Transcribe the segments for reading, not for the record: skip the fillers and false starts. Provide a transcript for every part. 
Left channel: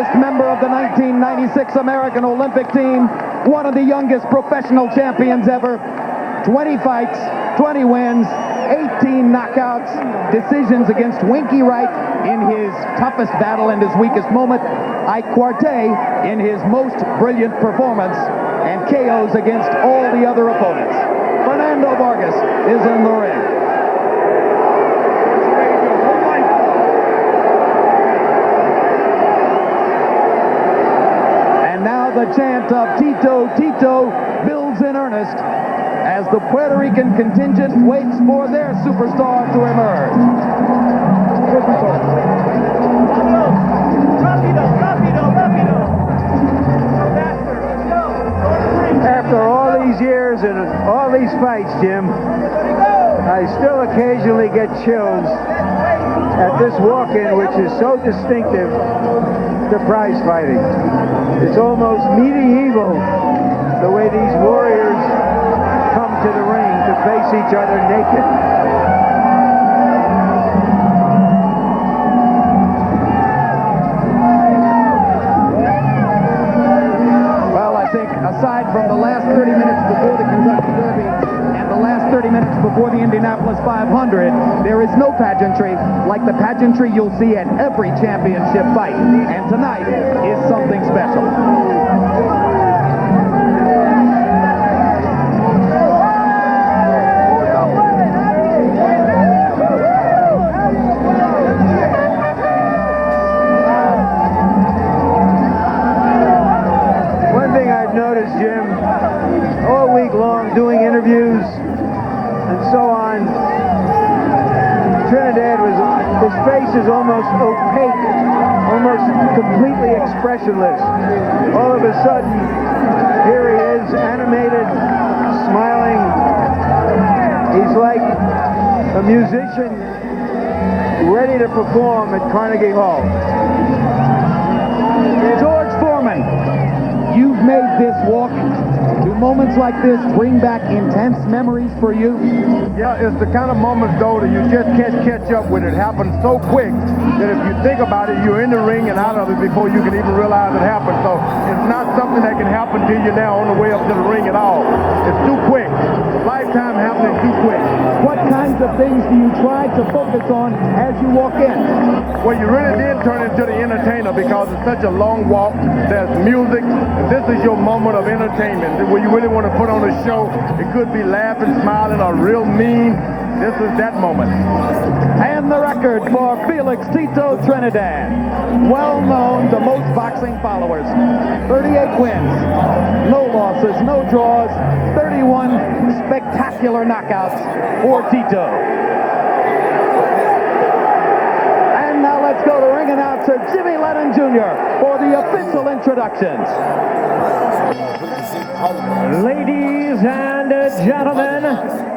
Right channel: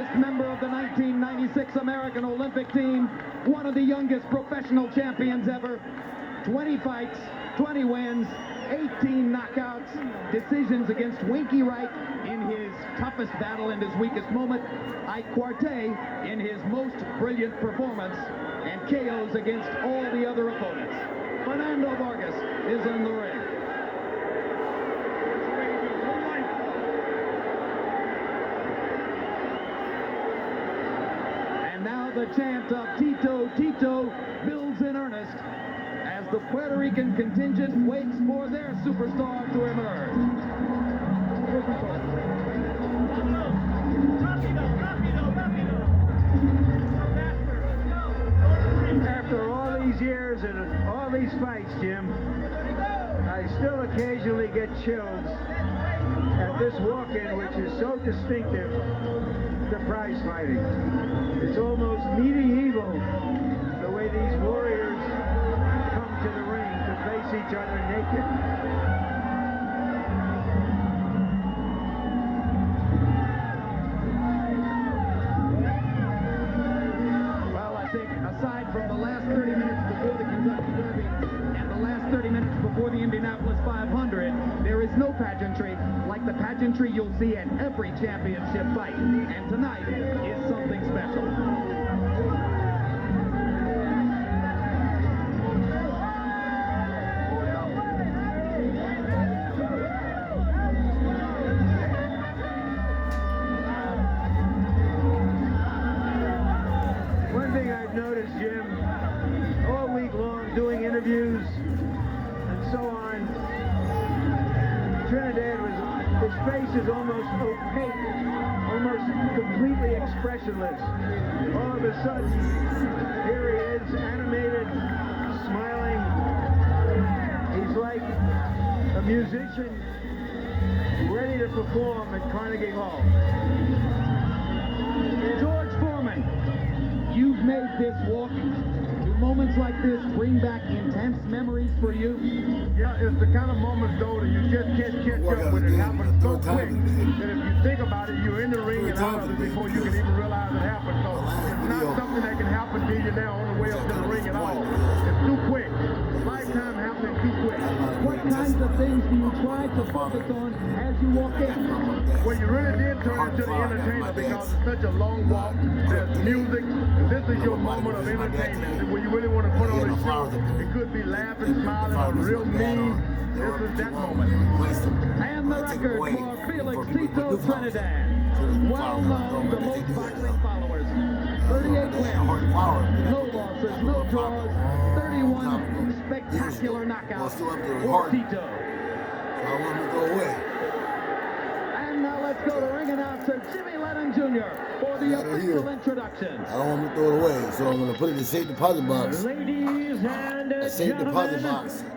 youngest member of the 1996 American Olympic team, one of the youngest professional champions ever. 20 fights, 20 wins, 18 knockouts, decisions against Winky Wright in his toughest battle and his weakest moment, Ike Quartey in his most brilliant performance, and KOs against all the other opponents. Fernando Vargas is in the ring. And now the chant of Tito, Tito builds in earnest as the Puerto Rican contingent waits for their superstar to emerge. After all these years and all these fights, Jim, I still occasionally get chills at this walk-in, which is so distinctive to prize fighting. It's almost medieval, the way these warriors come to the ring to face each other naked. Well, I think aside from the last 30 minutes before the Kentucky Derby and the last 30 minutes before the Indianapolis 500, there is no pageantry like the pageantry you'll see at every championship fight. And tonight is something special. Jim, all week long doing interviews and so on. Trinidad his face is almost opaque, almost completely expressionless. All of a sudden, here he is, animated, smiling. He's like a musician ready to perform at Carnegie Hall. George Foreman, you've made this walk. Do moments like this bring back intense memories for you? Yeah, it's the kind of moments, though, that you just can't catch up with. It happens so quick that if you think about it, you're in the ring and out of it before you can even realize it happened. So it's not something that can happen to you now on the way up to the ring at all. It's too quick. Lifetime happening too quick. What kinds of things do you try to focus on as you walk in? Well, you really did turn into the entertainer because it's such a long walk. There's music. And this is your moment of entertainment where you really want to put on a show. It could be laughing, smiling, or real mean. This is that moment. And the record for Felix Tito Trinidad. Well known to most boxing followers. 38 wins, no losses, no draws, 31 spectacular knockouts for Tito. And now let's go to ring announcer Jimmy Lennon Jr. for the official introductions. Ladies and gentlemen,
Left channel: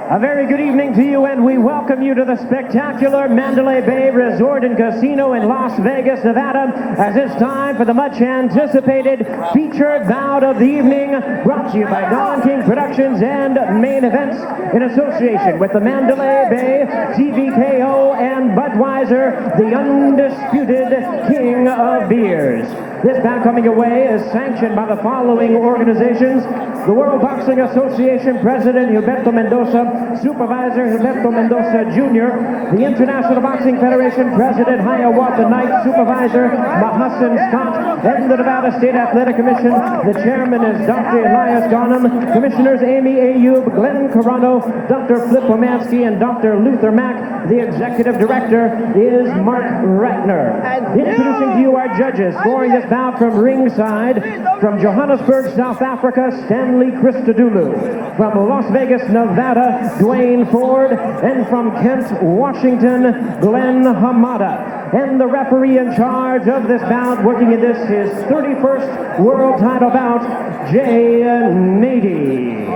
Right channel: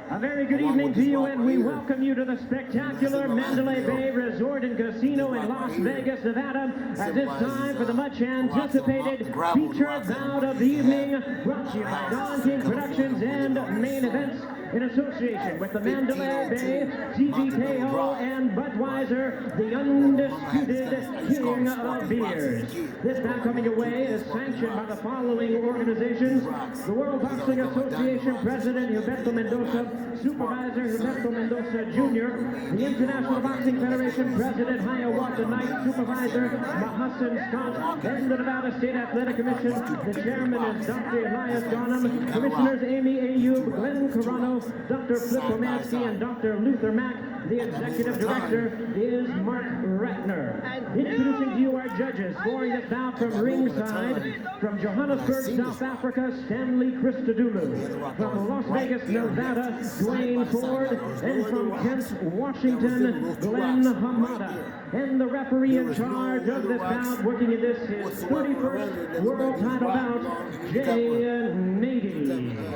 a very good evening to you, and we welcome you to the spectacular Mandalay Bay Resort and Casino in Las Vegas, Nevada, as it's time for the much-anticipated featured bout of the evening, brought to you by Don King Productions and Main Events in association with the Mandalay Bay, TVKO, and Budweiser, the undisputed king of beers. This bout coming away is sanctioned by the following organizations: the World Boxing Association President Gilberto Mendoza, Supervisor Gilberto Mendoza Jr., the International Boxing Federation President Hiawatha Knight, Supervisor Mahassan Scott, and the Nevada State Athletic Commission. The chairman is Dr. Elias Garnham, Commissioners Amy Ayub, Glenn Carano, Dr. Flip Romansky, and Dr. Luther Mack. The executive director is Mark Ratner. Introducing to you our judges, scoring this bout from ringside, from Johannesburg, South Africa, Stanley Christodoulou. From Las Vegas, Nevada, Dwayne Ford. And from Kent, Washington, Glenn Hamada. And the referee in charge of this bout, working in this his 31st world title bout, Jay Nady.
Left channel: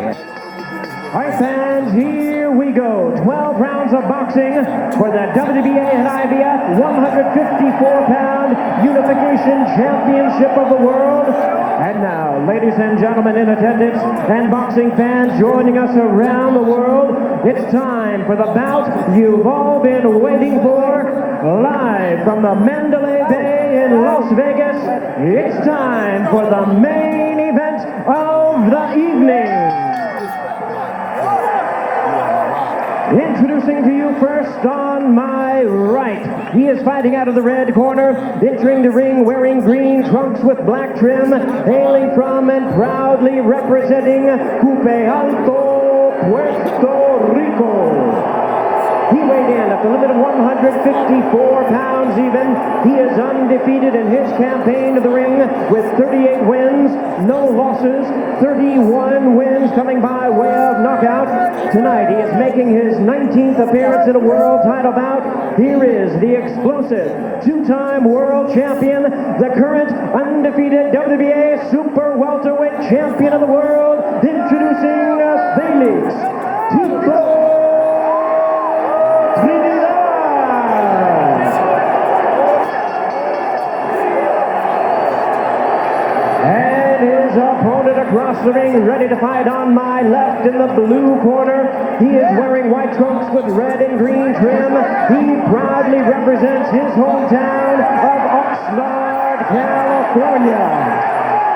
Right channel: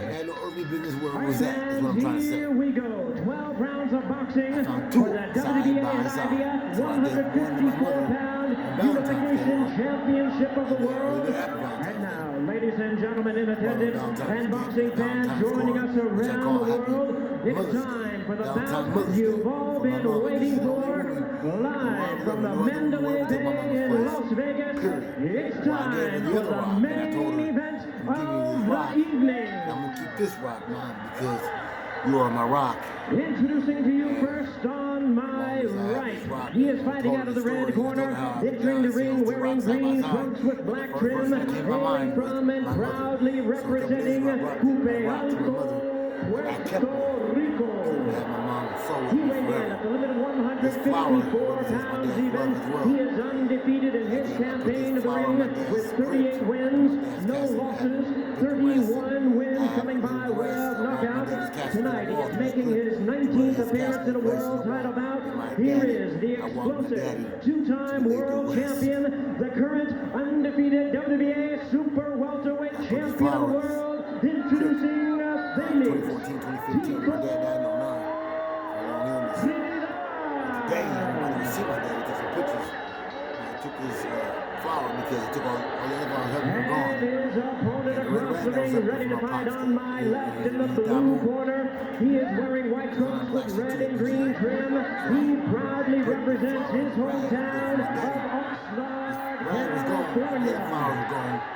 All right, fans, here we go. 12 rounds of boxing for the WBA and IBF 154-pound Unification Championship of the World. And now, ladies and gentlemen in attendance and boxing fans joining us around the world, it's time for the bout you've all been waiting for, live from the Mandalay Bay in Las Vegas. It's time for the main event of the evening. You are my rock. Introducing to you first on my right, he is fighting out of the red corner, entering the ring wearing green trunks with black trim, hailing from and proudly representing Coupe Alto, Puerto Rico. He weighed in at the limit of 154 pounds even. He is undefeated in his campaign to the ring with 38 wins, no losses, 31 wins coming by way of knockout. Tonight he is making his 19th appearance in a world title bout. Here is the explosive two-time world champion, the current undefeated WBA super welterweight champion of the world, introducing Felix Tito Trinidad. And his opponent across the ring, ready to fight on my left in the blue corner. He is wearing white trunks with red and green trim. He proudly represents his hometown of Oxnard, California.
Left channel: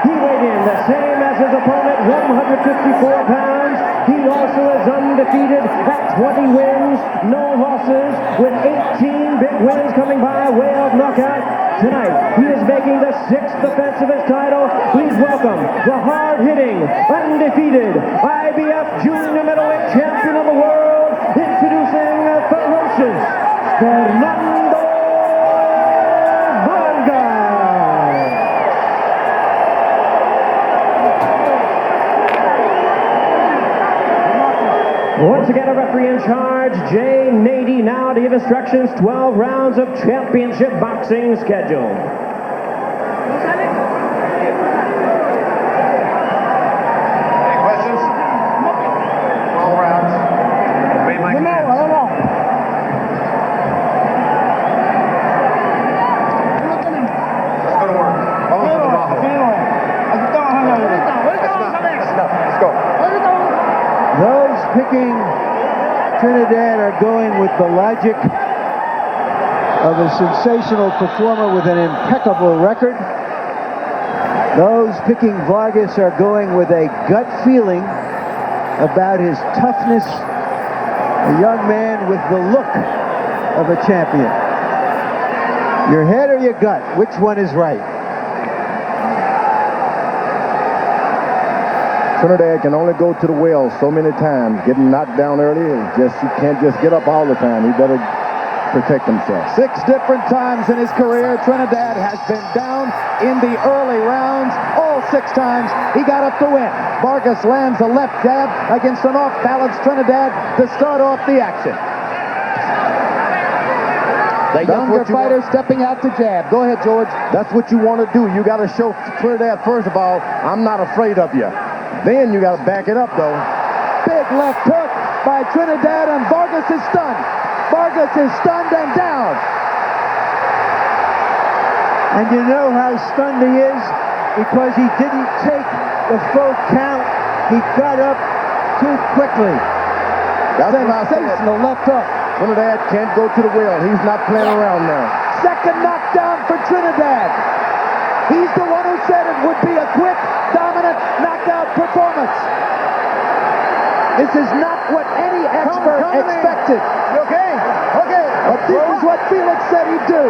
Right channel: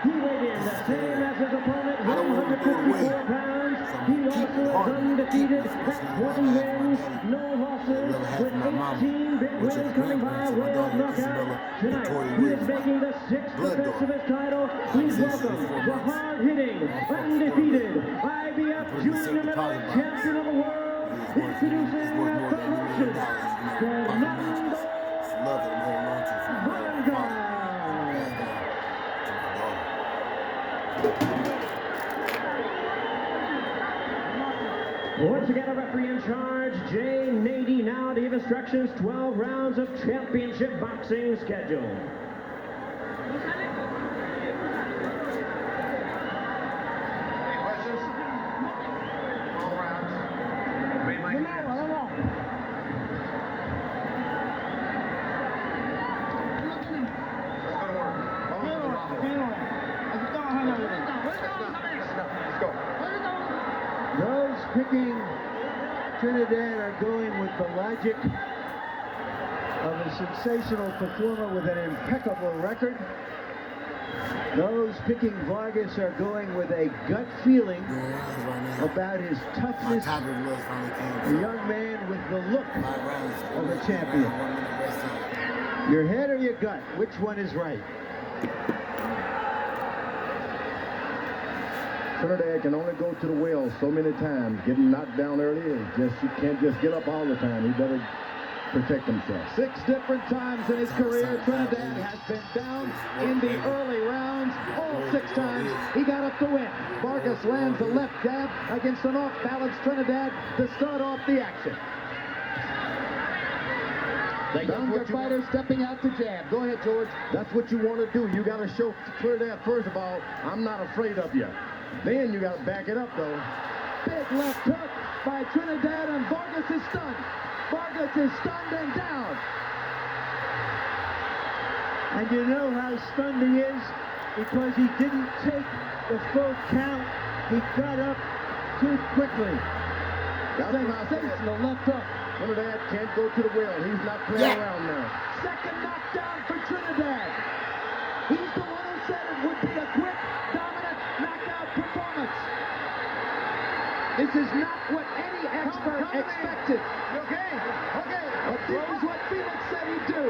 He weighed in the same as his opponent, 154 pounds. He also is undefeated at 20 wins, no losses, with 18 big wins coming by way of knockout. Tonight, he is making the 6th defense of his title. Please welcome the hard-hitting, undefeated IBF Junior Middleweight Champion of the world, introducing ferocious Fernando Vargas. Once again, a referee in charge, Jay Nady, now to give instructions, 12 rounds of championship boxing schedule. Any questions? 12 rounds. Obey my commands. Let's go to work. Vamos al trabajo. Let's go. Those picking Trinidad are going with the logic of a sensational performer with an impeccable record. Those picking Vargas are going with a gut feeling about his toughness. A young man with the look of a champion. Your head or your gut? Which one is right? Trinidad can only go to the well so many times. Getting knocked down early is just, he can't just get up all the time. He better protect himself. 6 different times in his career, Trinidad has been down in the early rounds. All 6 times he got up to win. Vargas lands a left jab against an off-balance Trinidad to start off the action. The younger fighter stepping out to jab. Go ahead, George. That's what you want to do. You got to show Trinidad, first of all, I'm not afraid of you. Then you got to back it up, though. Big left hook by Trinidad, and Vargas is stunned. Vargas is stunned and down. And you know how stunned he is? Because he didn't take the full count. He got up too quickly. That's what I said. Sensational left hook. Trinidad can't go to the well. He's not playing around now. Second knockdown for Trinidad. He's the one who said it would be a quick, dominant knockout performance. This is not what any expert expected. You okay? Okay. But this is what Felix said he'd do.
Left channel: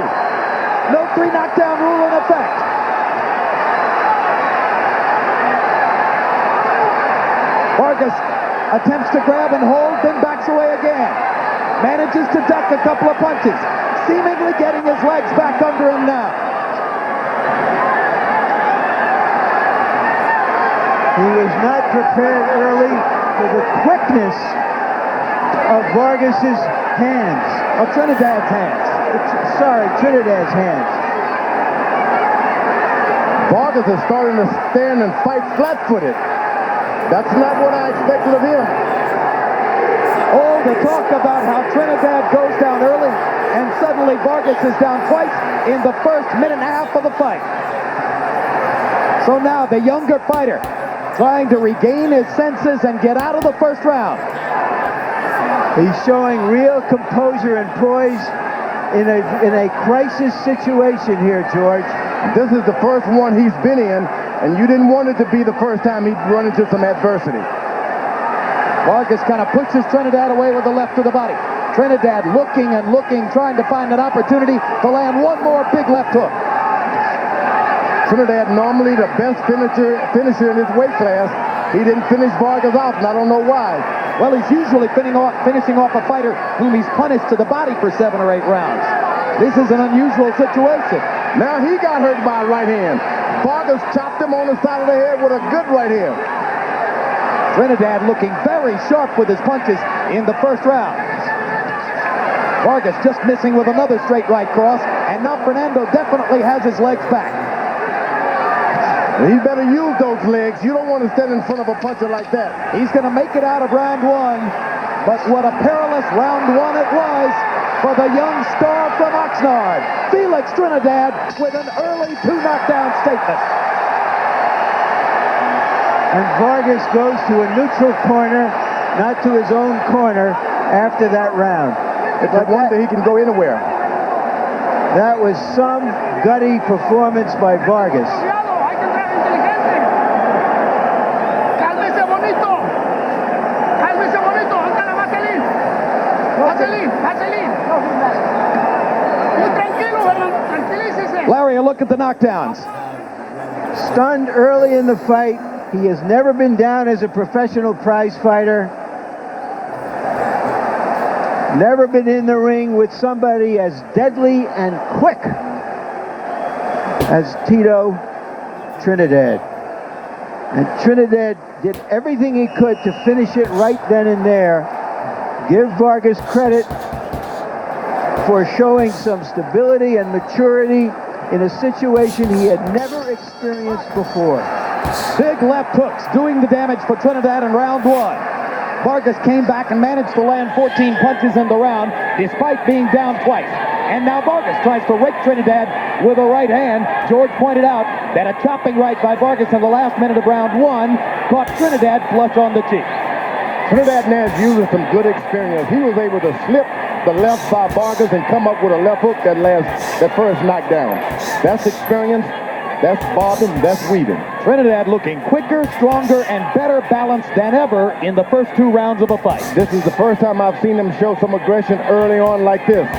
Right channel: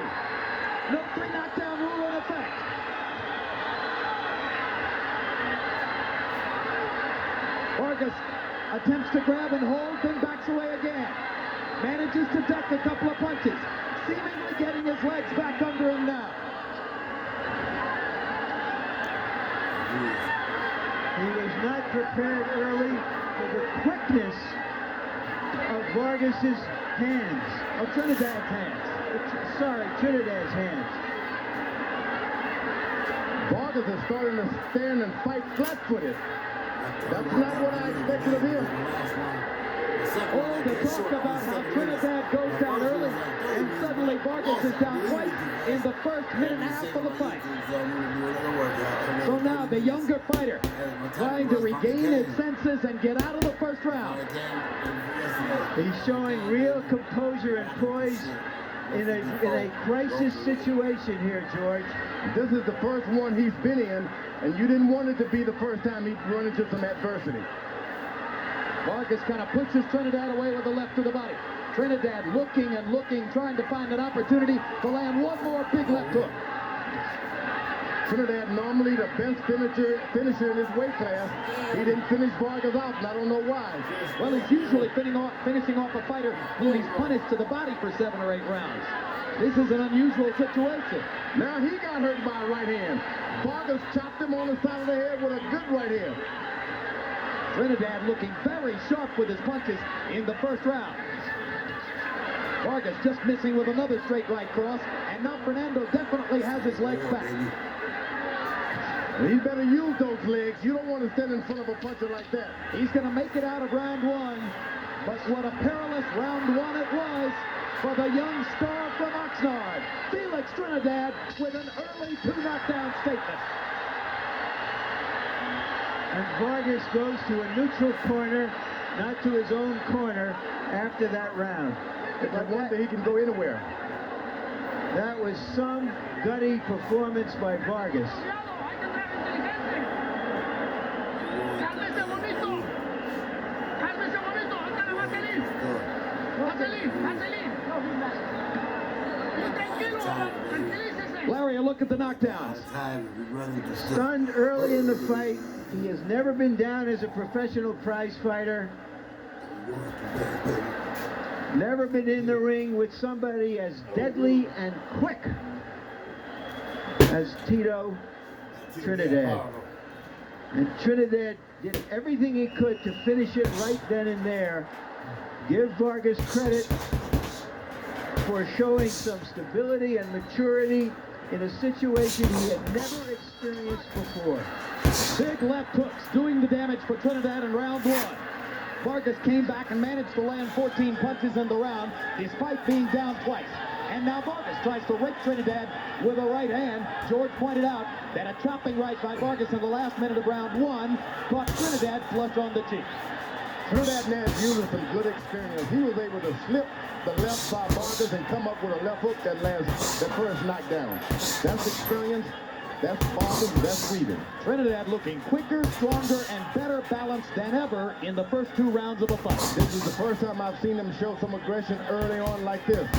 No 3 knockdown rule in effect. Vargas attempts to grab and hold, then backs away again. Manages to duck a couple of punches, seemingly getting his legs back under him now. He was not prepared early for the quickness of Vargas's hands. Of Trinidad's hands. Sorry, Trinidad's hands. Vargas is starting to stand and fight flat-footed. That's not what I expected of him. Oh, the talk about how Trinidad goes down early, and suddenly Vargas is down twice in the first minute and a half of the fight. So now the younger fighter trying to regain his senses and get out of the first round. He's showing real composure and poise in a crisis situation here, George. This is the first one he's been in, and you didn't want it to be the first time he'd run into some adversity. Vargas kind of pushes Trinidad away with the left to the body. Trinidad looking and looking, trying to find an opportunity to land one more big left hook. Trinidad normally the best finisher in his weight class. He didn't finish Vargas off, and I don't know why. Well, he's usually finishing off a fighter whom he's punished to the body for 7 or 8 rounds. This is an unusual situation. Now he got hurt by a right hand. Vargas chopped him on the side of the head with a good right hand. Trinidad looking very sharp with his punches in the first round. Vargas just missing with another straight right cross, and now Fernando definitely has his legs back. He better use those legs. You don't want to stand in front of a puncher like that. He's going to make it out of round 1, but what a perilous round 1 it was for the young star from Oxnard, Felix Trinidad, with an early 2 knockdown statement. And Vargas goes to a neutral corner, not to his own corner after that round. It's a wonder he can go anywhere. That was some gutty performance by Vargas. Larry, a look at the knockdowns. Stunned early in the fight. He has never been down as a professional prize fighter. Never been in the ring with somebody as deadly and quick as Tito Trinidad. And Trinidad did everything he could to finish it right then and there. Give Vargas credit for showing some stability and maturity in a situation he had never experienced before. Big left hooks doing the damage for Trinidad in round 1. Vargas came back and managed to land 14 punches in the round despite being down twice. And now Vargas tries to rake Trinidad with a right hand. George pointed out that a chopping right by Vargas in the last minute of round 1 caught Trinidad flush on the cheek. Trinidad Nash using some good experience. He was able to slip the left by Vargas and come up with a left hook that first knockdown. That's experience. That's bobbing, that's weaving. Trinidad looking quicker, stronger, and better balanced than ever in the first 2 rounds of a fight. This is the first time I've seen him show some aggression early on like this.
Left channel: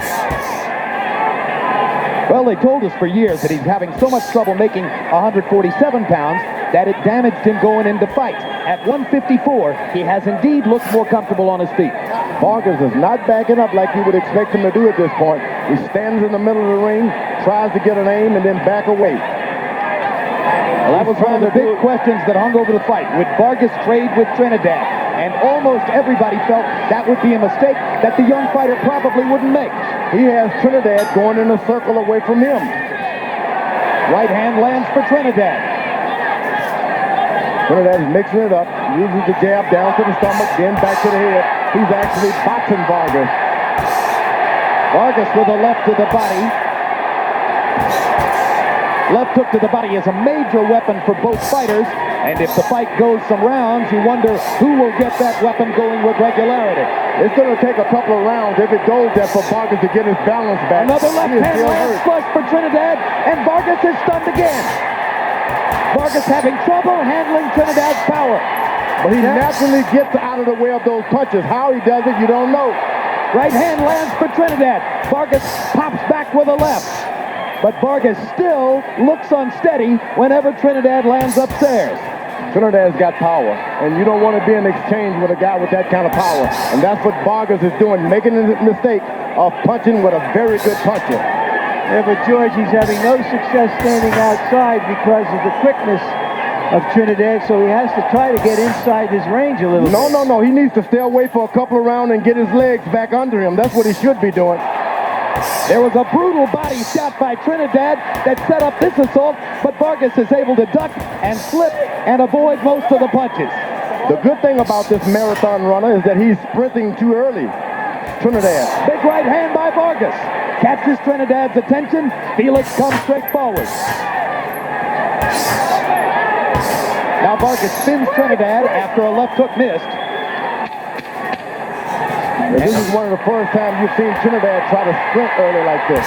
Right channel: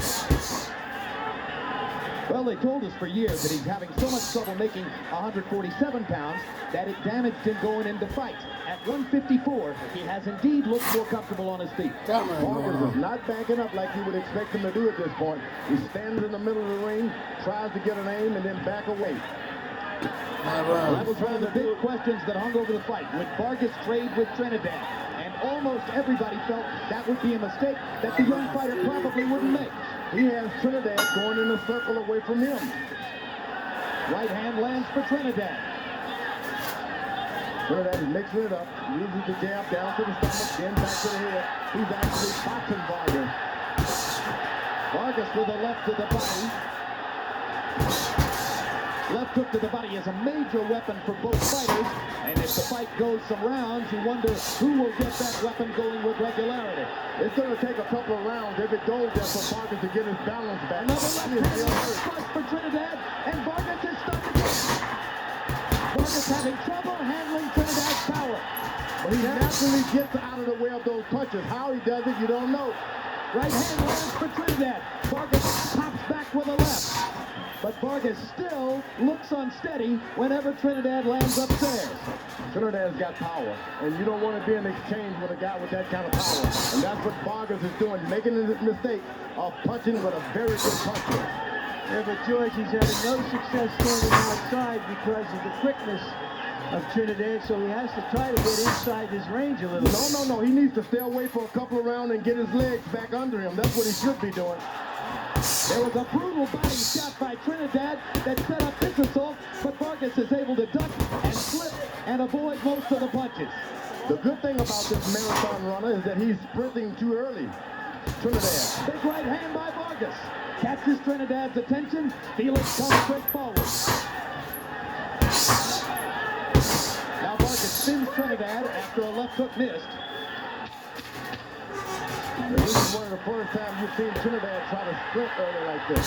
Well, they told us for years that he's having so much trouble making 147 pounds that it damaged him going into fights. At 154, he has indeed looked more comfortable on his feet. Vargas is not backing up like you would expect him to do at this point. He stands in the middle of the ring, tries to get an aim, and then back away. Well, that was one of the big questions that hung over the fight. Would Vargas trade with Trinidad? And almost everybody felt that would be a mistake that the young fighter probably wouldn't make. He has Trinidad going in a circle away from him. Right hand lands for Trinidad. Trinidad is mixing it up, uses the jab down to the stomach, then back to the head. He's actually boxing Vargas. Vargas with a left to the body. Left hook to the body is a major weapon for both fighters, and if the fight goes some rounds, you wonder who will get that weapon going with regularity. It's going to take a couple of rounds if it goes there for Vargas to get his balance back. Another left hand lands flush for Trinidad, and Vargas is stunned again. Vargas having trouble handling Trinidad's power. But he naturally gets out of the way of those punches. How he does it, you don't know. Right hand lands for Trinidad. Vargas pops back with a left. But Vargas still looks unsteady whenever Trinidad lands upstairs. Trinidad's got power, and you don't want to be in exchange with a guy with that kind of power. And that's what Vargas is doing, making the mistake of punching with a very good puncher. Yeah, but George, he's having no success standing outside because of the quickness of Trinidad, so he has to try to get inside his range a little bit. No. He needs to stay away for a couple of rounds and get his legs back under him. That's what he should be doing. There was a brutal body shot by Trinidad that set up this assault, but Vargas is able to duck and slip and avoid most of the punches. The good thing about this marathon runner is that he's sprinting too early. Trinidad. Big right hand by Vargas. Catches Trinidad's attention. Felix comes straight forward. Now Vargas spins Trinidad after a left hook missed. This is one of the first times you've seen Trinidad try to sprint early like this.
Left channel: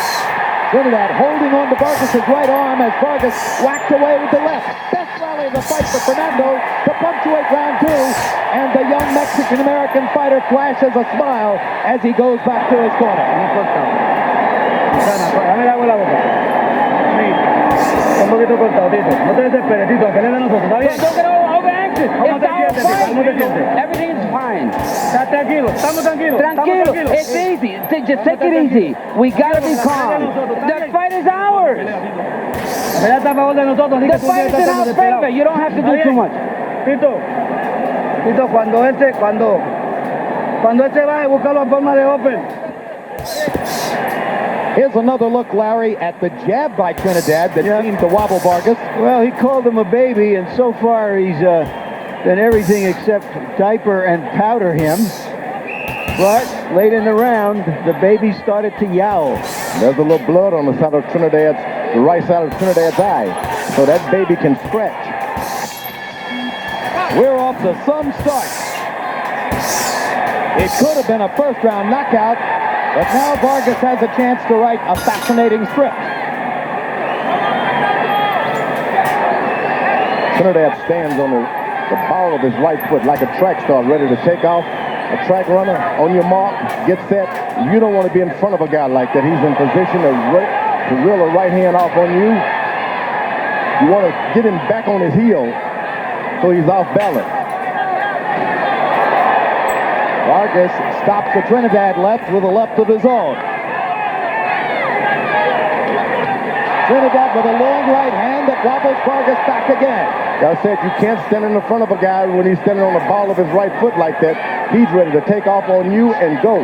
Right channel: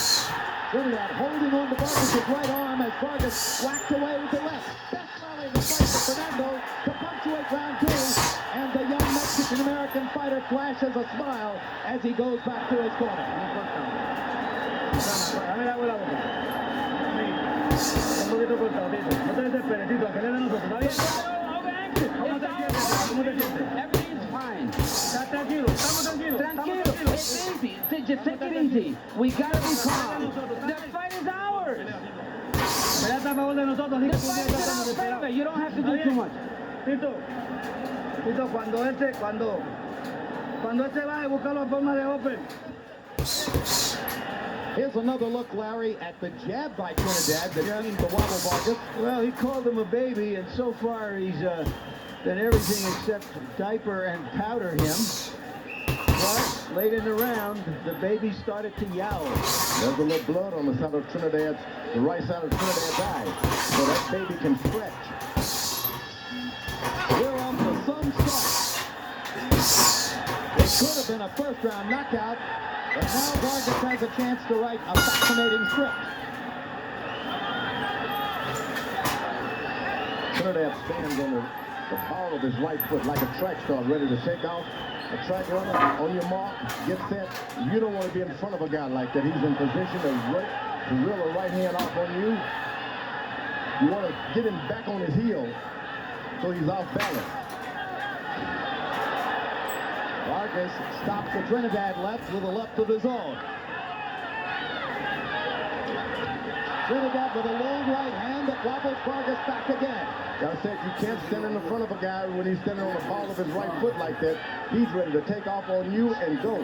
Trinidad holding on to Vargas' right arm as Vargas whacked away with the left. Best rally of the fight for Fernando to punctuate round two. And the young Mexican-American fighter flashes a smile as he goes back to his corner. Un poquito cortado, Tito. No te desesperes, Tito, que le de nosotros, ¿está bien? ¿Cómo te sientes, Tito? ¿Cómo te sientes? Everything's fine. ¿Estás tranquilo? ¿Estamos tranquilos? Tranquilo. It's easy. Just take it easy. We gotta be calm. The fight is ours. Pelea está a favor de nosotros, así The que tú fight tienes is que in our estar desesperado. favor. You don't have to do too much. Tito, cuando este baje, busca la forma de open. Here's another look, Larry, at the jab by Trinidad that seemed to wobble Vargas. Well, he called him a baby, and so far he's done everything except diaper and powder him. But late in the round, the baby started to yowl. There's a little blood on the side of the right side of Trinidad's eye. So that baby can stretch. We're off to some start. It could have been a first round knockout, but now Vargas has a chance to write a fascinating script. Trinidad stands on the ball of his right foot like a track star ready to take off. A track runner, on your mark, get set. You don't want to be in front of a guy like that. He's in position to reel a right hand off on you. You want to get him back on his heel so he's off balance. Vargas stops the Trinidad left with a left of his own. Trinidad with a long right hand that wobbles Vargas back again. I said you can't stand in the front of a guy when he's standing on the ball of his right foot like that. He's ready to take off on you and go.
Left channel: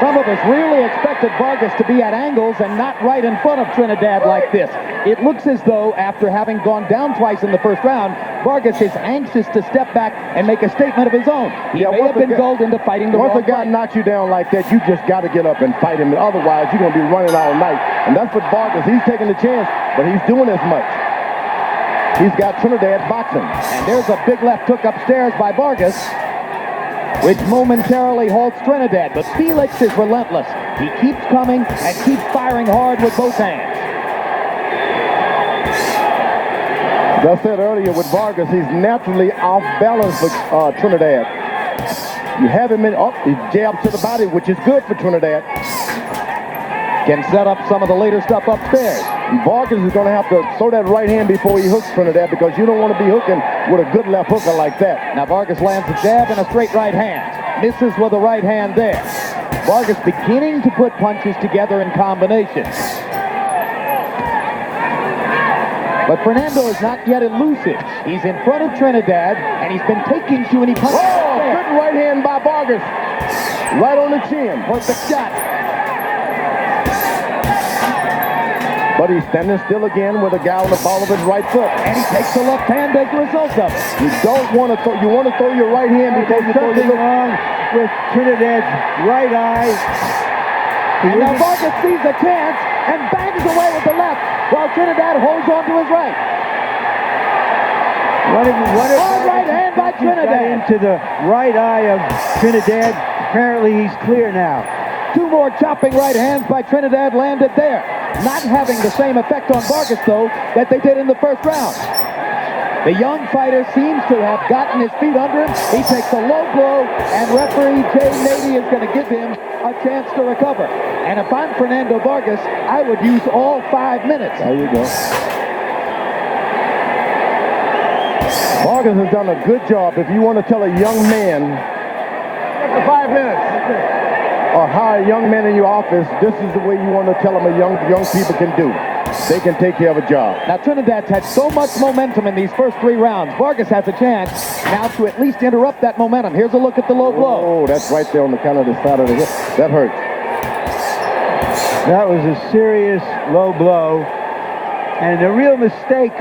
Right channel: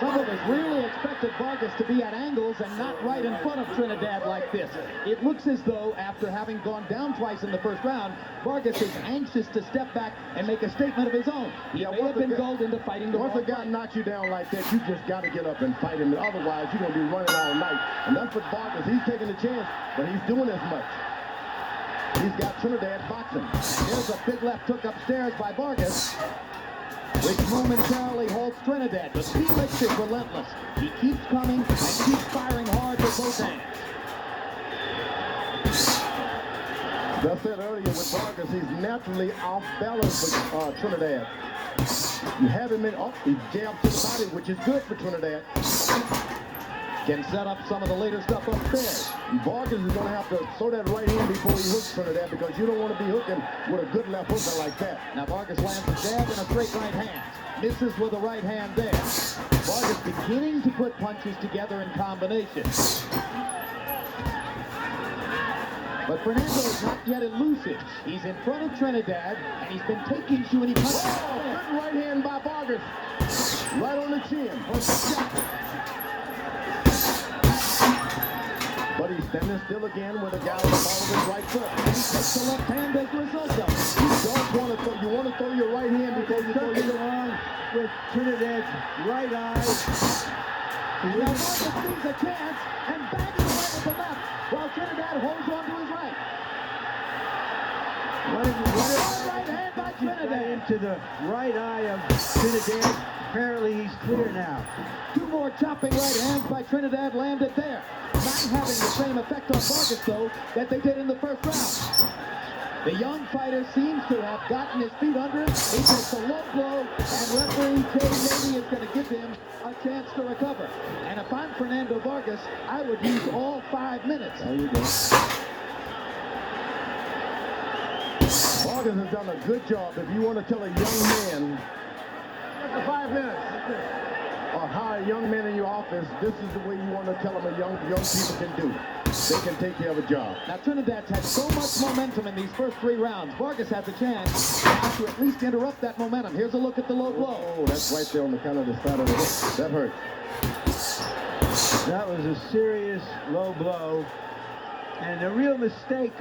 Some of us really expected Vargas to be at angles and not right in front of Trinidad like this. It looks as though, after having gone down twice in the first round, Vargas is anxious to step back and make a statement of his own. He may have been gulled into fighting the Once wrong a guy way. knocks you down like that, you just got to get up and fight him. Otherwise, you're going to be running all night. And that's what Vargas, he's taking the chance, but he's doing as much. He's got Trinidad boxing. And there's a big left hook upstairs by Vargas, which momentarily halts Trinidad. But Felix is relentless. He keeps coming and keeps firing hard with both hands. As I said earlier with Vargas, he's naturally off balance for Trinidad. You have him in, he jabs to the body, which is good for Trinidad. Can set up some of the later stuff upstairs. Vargas is going to have to throw that right hand before he hooks Trinidad because you don't want to be hooking with a good left hooker like that. Now Vargas lands a jab and a straight right hand. Misses with a right hand there. Vargas beginning to put punches together in combination. But Fernando is not yet elusive. He's in front of Trinidad, and he's been taking too many punches. Oh, good right hand by Vargas. Right on the chin. Perfect shot. But he's standing still again with a guy on the ball of his right foot. And he takes the left hand as a result of it. You don't want to throw, you want to throw your right hand before you throw your Something wrong with Trinidad's right eye. And now Vargas sees a chance and bangs away with the left while Trinidad holds on to his right. Hard right hand by Trinidad. Into the right eye of Trinidad. Apparently he's clear now. Two more chopping right hands by Trinidad landed there. Not having the same effect on Vargas, though, that they did in the first round. The young fighter seems to have gotten his feet under him. He takes a low blow, and referee Jay Navy is going to give him a chance to recover. And if I'm Fernando Vargas, I would use all 5 minutes. There you go. Vargas has done a good job. If you want to tell a young man, after 5 minutes, or hire a young man in your office, this is the way you want to tell them young people can do. They can take care of a job. Now, Trinidad's had so much momentum in these first 3 rounds. Vargas has a chance now to at least interrupt that momentum. Here's a look at the low blow. Oh, that's right there on the kind of the side of the hip. That hurt. That was a serious low blow. And the real mistake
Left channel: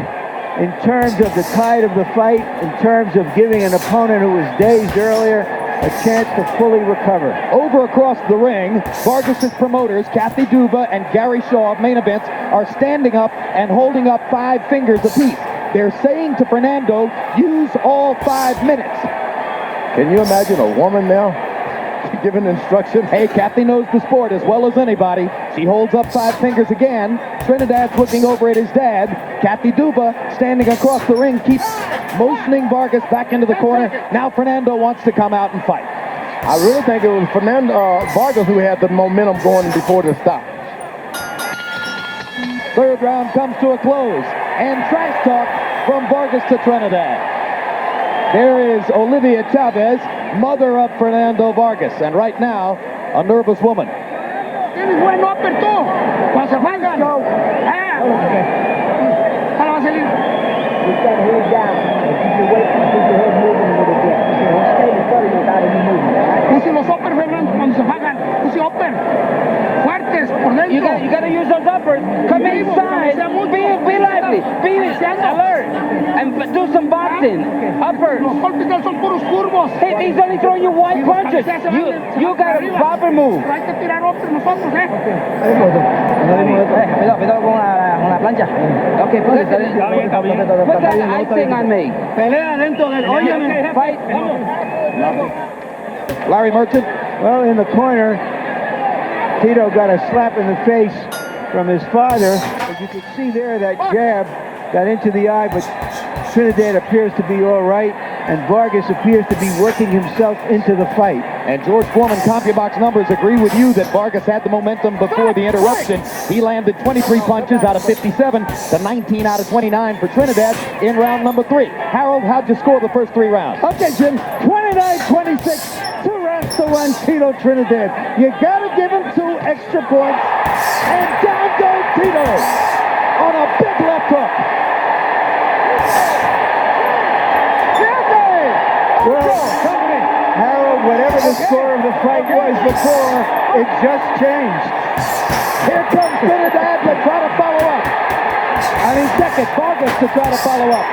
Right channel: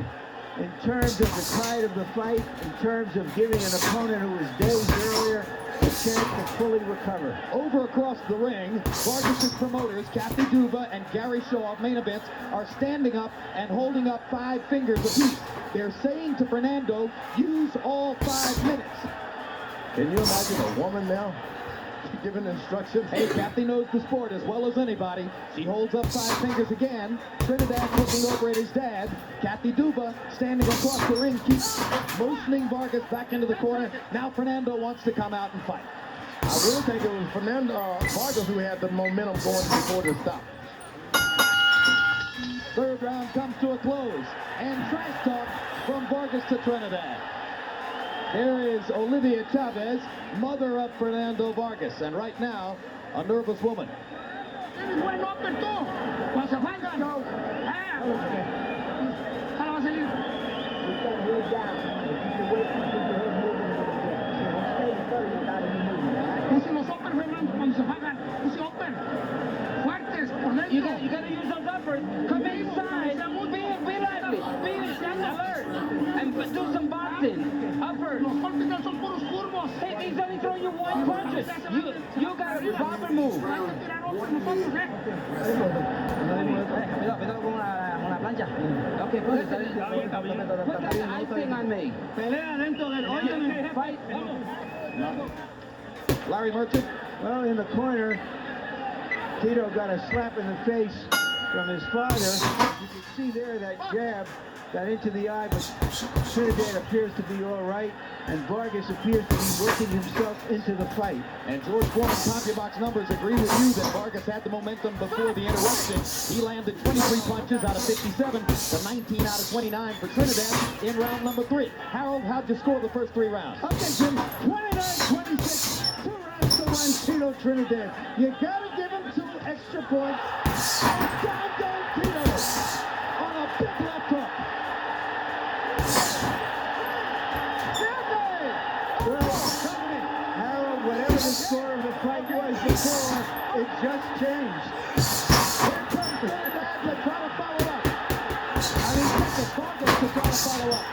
in terms of the tide of the fight, in terms of giving an opponent who was dazed earlier a chance to fully recover. Over across the ring, Vargas' promoters, Kathy Duva and Gary Shaw of Main Events, are standing up and holding up 5 fingers apiece. They're saying to Fernando, use all 5 minutes. Can you imagine a woman now giving instructions. Hey, Kathy knows the sport as well as anybody. She holds up 5 fingers again. Trinidad's looking over at his dad. Kathy Duba, standing across the ring, keeps motioning Vargas back into the corner. Now Fernando wants to come out and fight. I really think it was Fernando Vargas who had the momentum going before the stop. Third round comes to a close. And trash talk from Vargas to Trinidad. There is Olivia Chavez, mother of Fernando Vargas. And right now, a nervous woman. Tienes buen upper tú. Cuando se falgan. Para va a salir. You've got to hold down and keep your weight and keep your head moving a little bit. So don't stay in front of you without any movement. Puse los upper, Fernando, cuando se falgan. Puse upper. Fuertes, por dentro. You gotta use those uppers. Come inside. Be lively. Be alert. And do some boxing. Uppers. Los golpes de son puros curvos. Hey, he's only throwing you one punches. You got a proper move. Hay que tirar upper nosotros, Cuidado con la plancha. Okay, put that icing on me. Pelea dentro del... Óyeme. Fight. Larry Merchant. Well, in the corner, Tito got a slap in the face from his father. As you can see there, that jab got into the eye, but Trinidad appears to be all right, and Vargas appears to be working himself into the fight. And George Foreman CompuBox numbers agree with you that Vargas had the momentum before the interruption. He landed 23 punches out of 57 to 19 out of 29 for Trinidad in round number 3. Harold, how'd you score the first 3 rounds? Okay, Jim, 29-26, 2 rounds to 1, Tito Trinidad. You gotta give him 2 extra points, and down goes Tito on a big left hook. Well, Harold, whatever the score of the fight was before, it just changed. Here comes Trinidad to try to follow up. I mean, second, Vargas to try to follow up.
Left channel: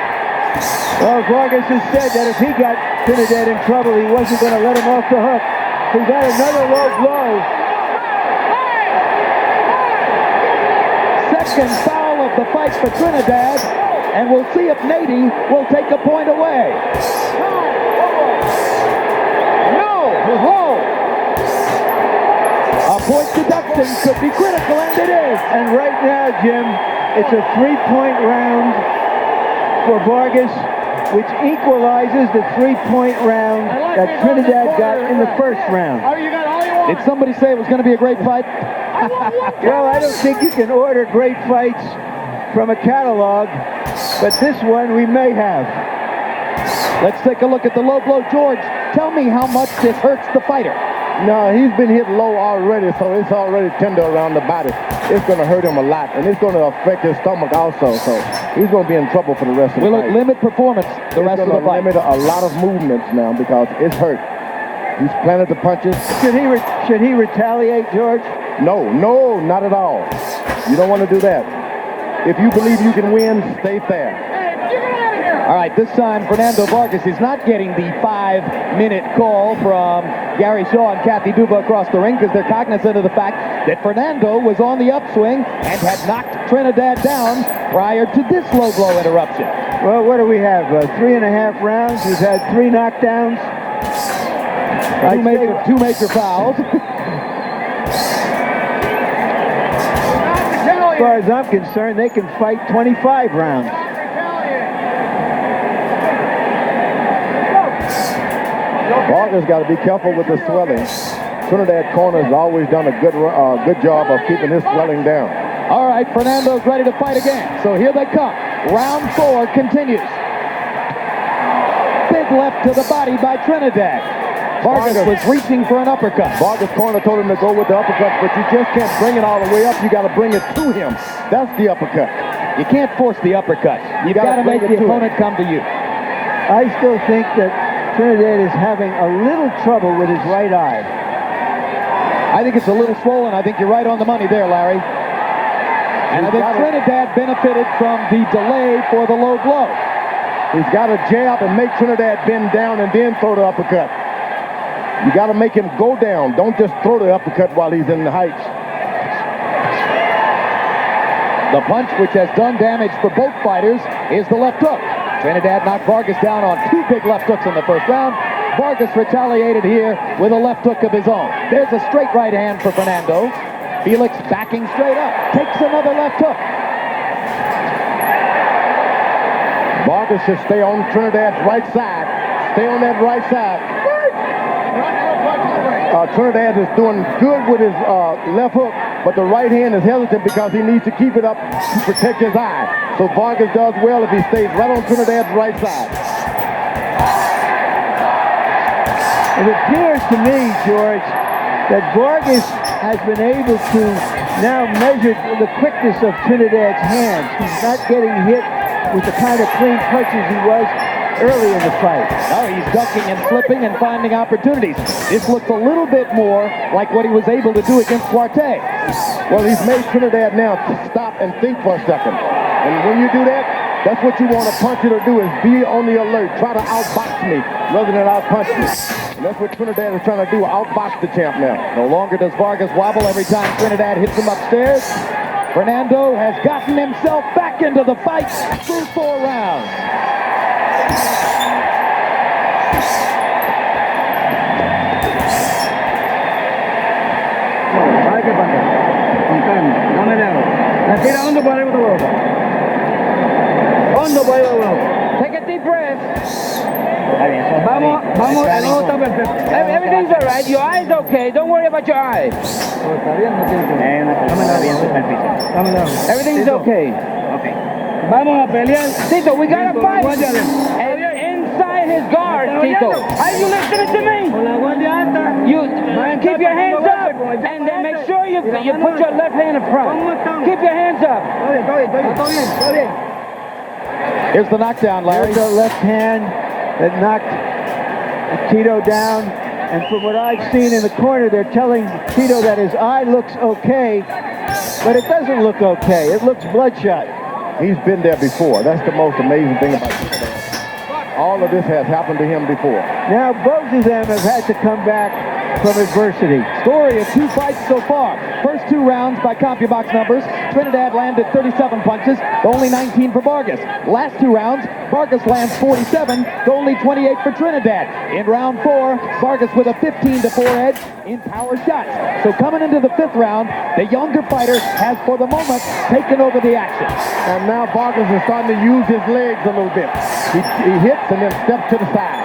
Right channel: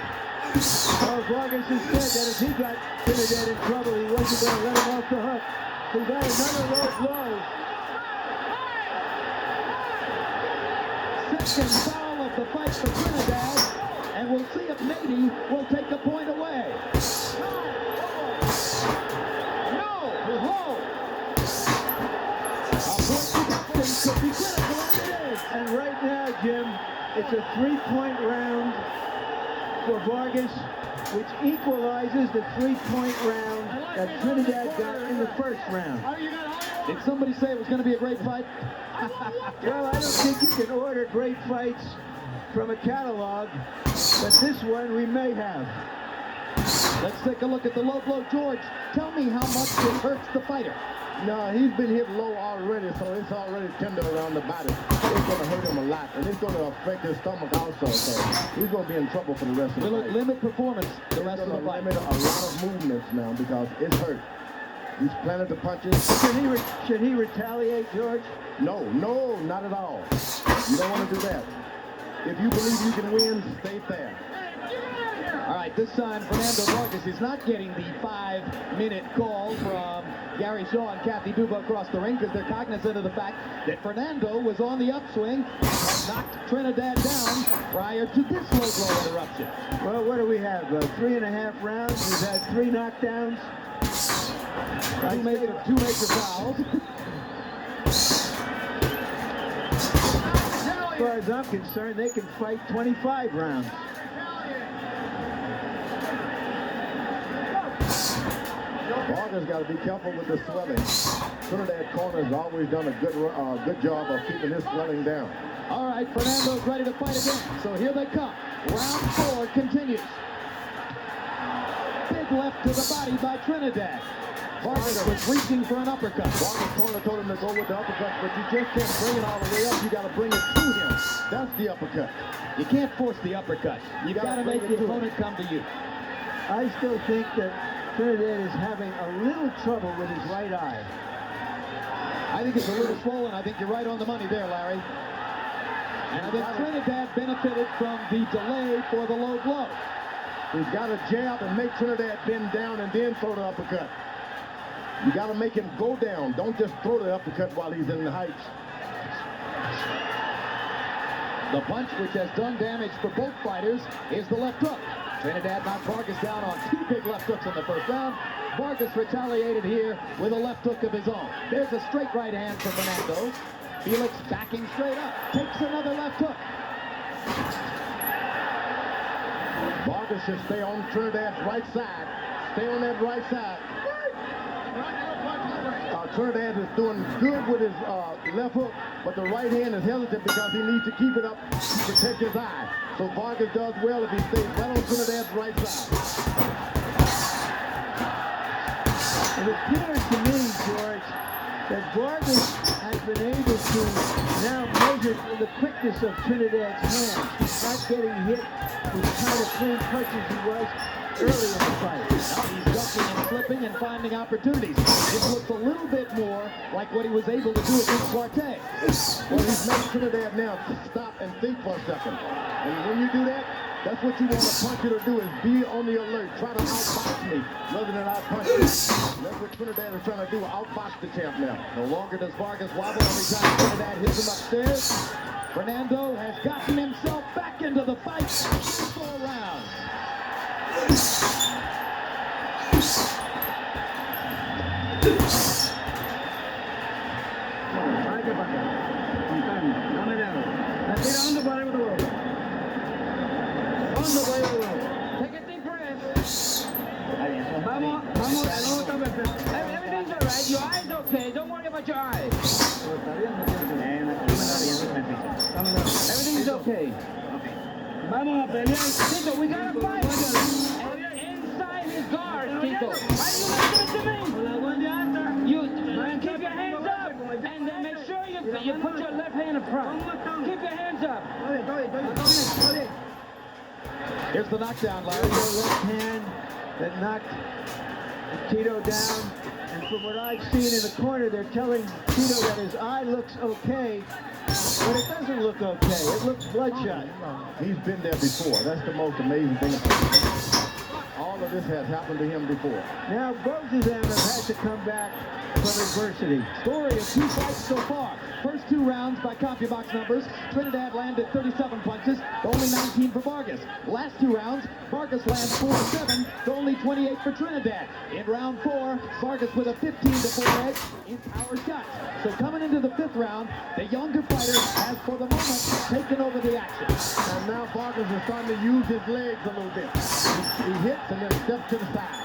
Well, Vargas has said that if he got Trinidad in trouble, he wasn't going to let him off the hook. He got another low blow. Second foul of the fight for Trinidad, and we'll see if Nady will take a point away. A point deduction could be critical, and it is. And right now, Jim, it's a 3-point round for Vargas, which equalizes the 3-point round that Trinidad got in the first round. Did somebody say it was going to be a great fight? Well, I don't think you can order great fights from a catalog, but this one we may have. Let's take a look at the low blow. George, tell me how much this hurts the fighter. No, he's been hit low already, so it's already tender around the body. It's going to hurt him a lot, and it's going to affect his stomach also, so he's going to be in trouble for the rest of the Will fight. it limit performance the rest of the It's going fight? to limit a lot of movements now because it's hurt. He's planted the punches. Should he retaliate, George? No, not at all. You don't want to do that. If you believe you can win, stay fair. All right, this time Fernando Vargas is not getting the 5-minute call from Gary Shaw and Kathy Duba across the ring because they're cognizant of the fact that Fernando was on the upswing and had knocked Trinidad down prior to this low blow interruption. Well, what do we have? 3.5 rounds. We've had 3 knockdowns. Two major fouls. As far as I'm concerned, they can fight 25 rounds. Vargas got to be careful with the swelling. Trinidad corner has always done a good job of keeping his swelling down. All right, Fernando's ready to fight again. So here they come. Round 4 continues. Big left to the body by Trinidad. Vargas was reaching for an uppercut. Vargas' corner told him to go with the uppercut, but you just can't bring it all the way up. You got to bring it to him. That's the uppercut. You can't force the uppercut. You've got to make the opponent come to you. I still think that Trinidad is having a little trouble with his right eye. I think it's a little swollen. I think you're right on the money there, Larry. And I think Trinidad benefited from the delay for the low blow. He's got to jab and make Trinidad bend down and then throw the uppercut. You got to make him go down. Don't just throw the uppercut while he's in the heights. The punch, which has done damage for both fighters, is the left hook. Trinidad knocked Vargas down on 2 big left hooks in the first round. Vargas retaliated here with a left hook of his own. There's a straight right hand for Fernando. Felix backing straight up, takes another left hook. Vargas should stay on Trinidad's right side. Stay on that right side. Trinidad is doing good with his left hook, but the right hand is hesitant because he needs to keep it up to protect his eye. So Vargas does well if he stays right on Trinidad's right side. It appears to me, George, that Vargas has been able to now measure the quickness of Trinidad's hands. He's not getting hit with the kind of clean punches he was early in the fight. Now he's ducking and flipping and finding opportunities. This looks a little bit more like what he was able to do against Duarte. Well, he's made Trinidad now stop and think for a second. And when you do that, that's what you want a puncher to do, is be on the alert. Try to outbox me rather than outpunch me. And that's what Trinidad is trying to do, outbox the champ now. No longer does Vargas wobble every time Trinidad hits him upstairs. Fernando has gotten himself back into the fight through 4 rounds. Take a deep breath. Vamos, everything's all right. Your eye's okay. Don't worry about your eye. Everything's okay. Vamos a pelear. Tito, we gotta fight. And inside his guard, Tito. Are you listening to me? You keep your hands up, and then make sure you put your left hand in front. Keep your hands up. Here's the knockdown, Larry. There's the left hand that knocked Tito down. And from what I've seen in the corner, they're telling Tito that his eye looks okay, but it doesn't look okay. It looks bloodshot. He's been there before. That's the most amazing thing about it. All of this has happened to him before. Now both of them have had to come back from adversity. Story of 2 fights so far. First 2 rounds by CompuBox numbers. Trinidad landed 37 punches, only 19 for Vargas. Last 2 rounds, Vargas lands 47, only 28 for Trinidad. In round 4, Vargas with a 15-4 edge in power shots. So coming into the 5th round, the younger fighter has, for the moment, taken over the action. And now Vargas is starting to use his legs a little bit. He hits and then steps to the side.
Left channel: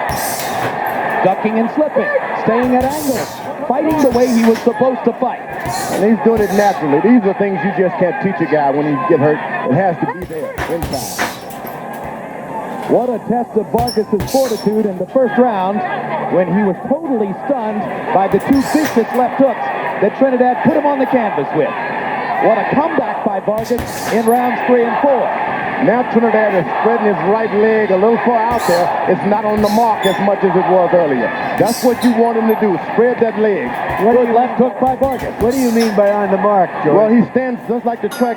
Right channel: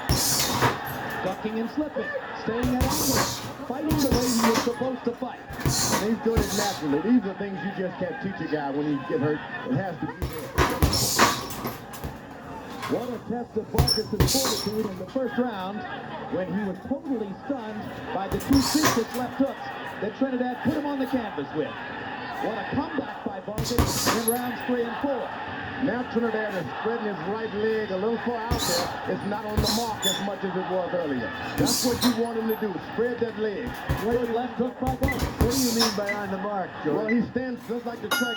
Ducking and slipping, staying at angles, fighting the way he was supposed to fight. And he's doing it naturally. These are things you just can't teach a guy when he get hurt. It has to be there every time. What a test of Vargas' fortitude in the first round when he was totally stunned by the 2 vicious left hooks that Trinidad put him on the canvas with. What a comeback by Vargas in rounds 3 and 4. Now Trinidad is spreading his right leg a little far out there. It's not on the mark as much as it was earlier. That's what you want him to do, spread that leg. Good left hook by Vargas. What do you mean by on the mark, George? Well, he stands just like the track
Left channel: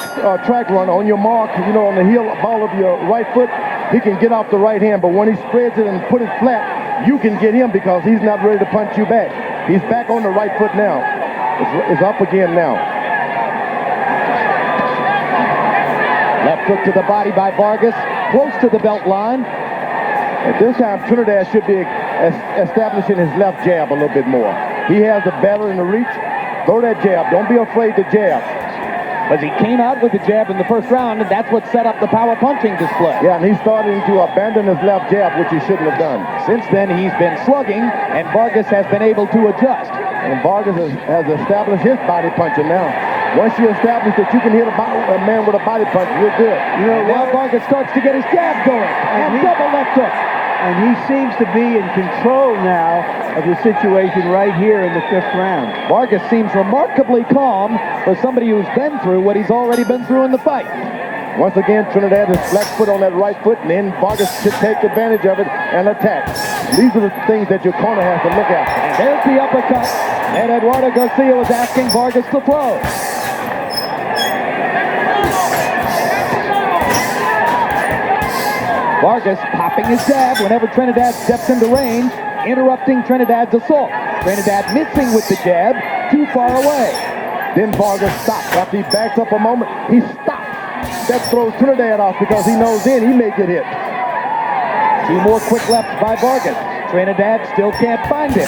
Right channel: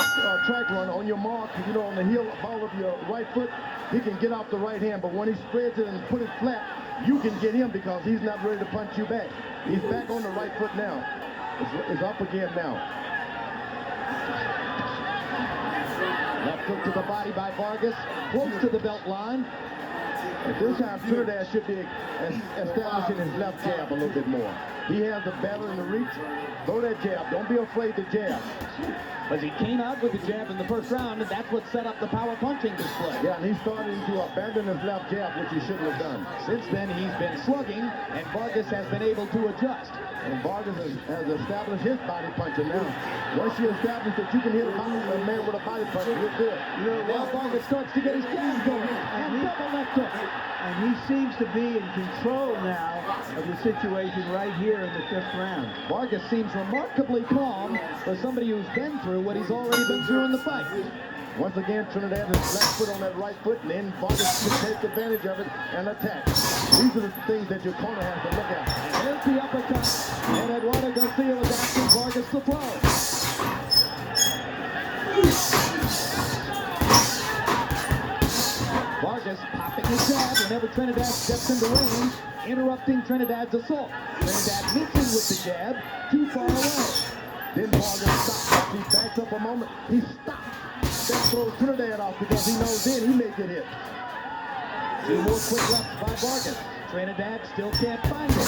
runner on your mark, you know, on the heel ball of your right foot. He can get off the right hand, but when he spreads it and put it flat, you can get him because he's not ready to punch you back. He's back on the right foot now. It's up again now. Left hook to the body by Vargas, close to the belt line. At this time, Trinidad should be establishing his left jab a little bit more. He has the battle in the reach. Throw that jab. Don't be afraid to jab. But he came out with the jab in the first round, and that's what set up the power punching display. Yeah, and he's starting to abandon his left jab, which he shouldn't have done. Since then, he's been slugging, and Vargas has been able to adjust. And Vargas has established his body punching now. Once you establish that you can hit a man with a body punch, you're good. You know, now Vargas starts to get his jab going, and double left hook. And he seems to be in control now of the situation right here in the 5th round. Vargas seems remarkably calm for somebody who's been through what he's already been through in the fight. Once again, Trinidad is flat foot on that right foot, and then Vargas should take advantage of it and attack. These are the things that your corner has to look at. And there's the uppercut, and Eduardo Garcia was asking Vargas to throw. Vargas popping his jab whenever Trinidad steps into range, interrupting Trinidad's assault. Trinidad missing with the jab, too far away. Then Vargas stops. After he backs up a moment, he stops. That throws Trinidad off because he knows then he may get hit. 2 more quick lefts by Vargas. Trinidad still can't find it.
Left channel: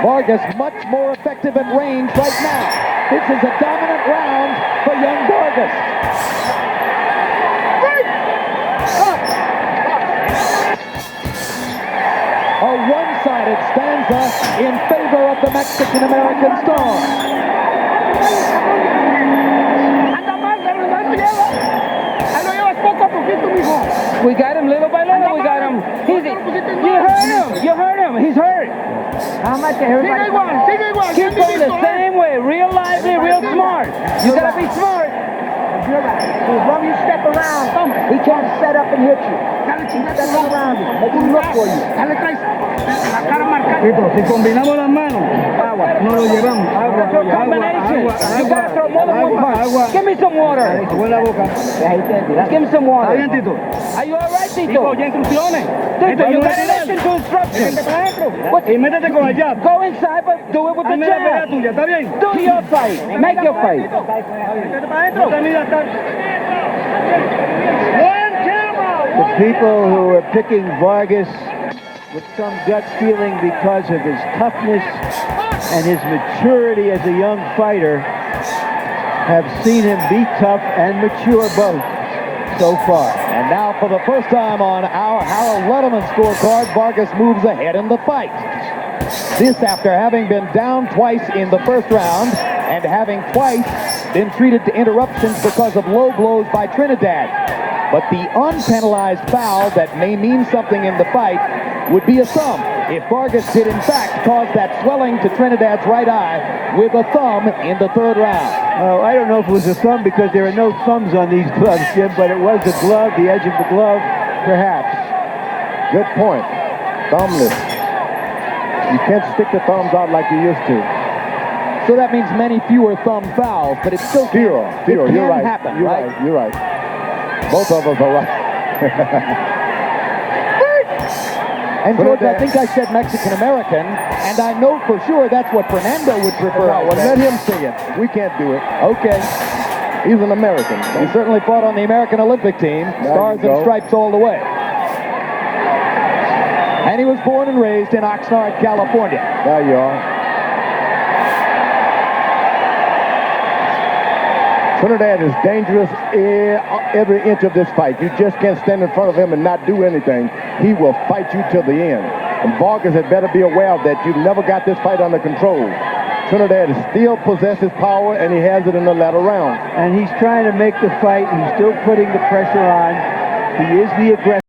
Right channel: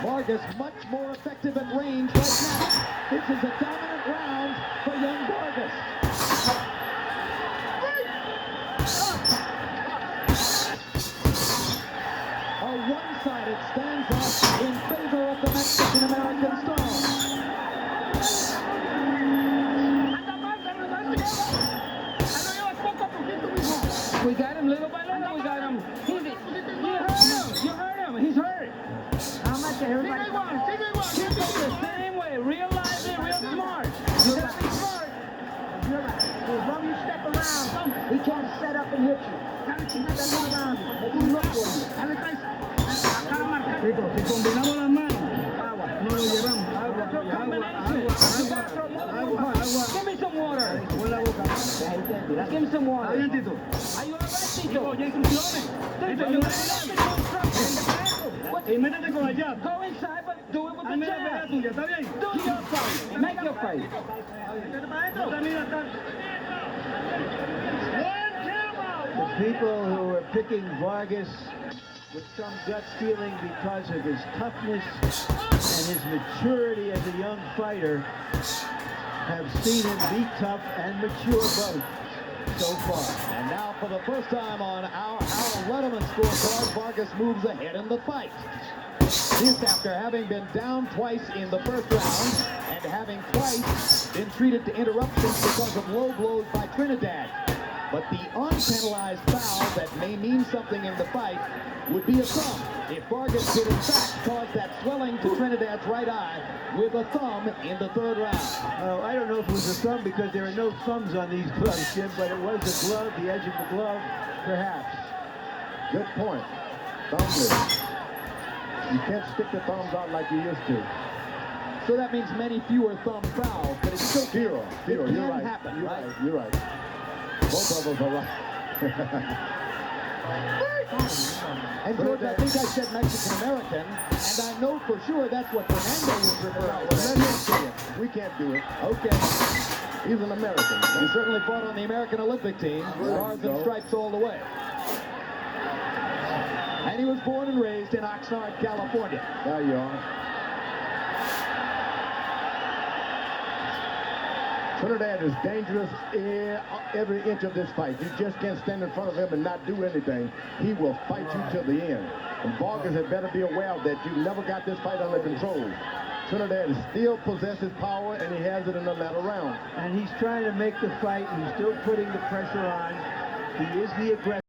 Vargas much more effective at range right now. This is a dominant round for young Vargas. A one-sided stanza in favor of the Mexican-American star. Anda mal, no te lleva. Ahí lo llevas poco a poquito, mijo. We got him little by little. We got him. You heard him. You heard him. He's hurt. How much Sigue igual, sigue igual. Keep going the same way. Real lively, real smart. You gotta be smart. As long as you step around, he can't set up and hit you. Dale, chingada. Step around him. Make him look for you. Dale, traes la cara marcada. Si combinamos las manos, agua, no lo llevamos. Agua, Your combination. You gotta throw more than one punch. Give me some water. Con la boca. Give me some water. Bien, Tito. Are you alright, Tito? Digo, ya instrucciones. Tito, you gotta listen to instructions. What? Y métete con el jab. Go inside, but do it with the Hazme la pelea jab. tuya, ¿está bien? Do your fight. Make your fight. Métete para adentro. The people who are picking Vargas with some gut feeling because of his toughness and his maturity as a young fighter have seen him be tough and mature both so far. And now for the first time on our Harold Letterman scorecard, Vargas moves ahead in the fight. This after having been down twice in the first round and having twice been treated to interruptions because of low blows by Trinidad. But the unpenalized foul that may mean something in the fight would be a thumb if Vargas did in fact cause that swelling to Trinidad's right eye with a thumb in the third round. I don't know if it was a thumb because there are no thumbs on these gloves, Jim, but it was the glove, the edge of the glove, perhaps. Good point. Thumbless. You can't stick the thumbs out like you used to. So that means many fewer thumb fouls, but it's still Zero. It can You're right. happen, You're right? right. You're right. Both of us are right. And George, I think I said Mexican-American, and I know for sure that's what Fernando would prefer. Well, let him say it. We can't do it. Okay. He's an American. He certainly fought on the American Olympic team. Stars you and go. stripes all the way. And he was born and raised in Oxnard, California. There you are. Trinidad is dangerous every inch of this fight. You just can't stand in front of him and not do anything. He will fight you till the end. And Vargas had better be aware of that. You've never got this fight under control. Trinidad still possesses power, and he has it in the latter round. And he's trying to make the fight. He's still putting the pressure on. He is the aggressor.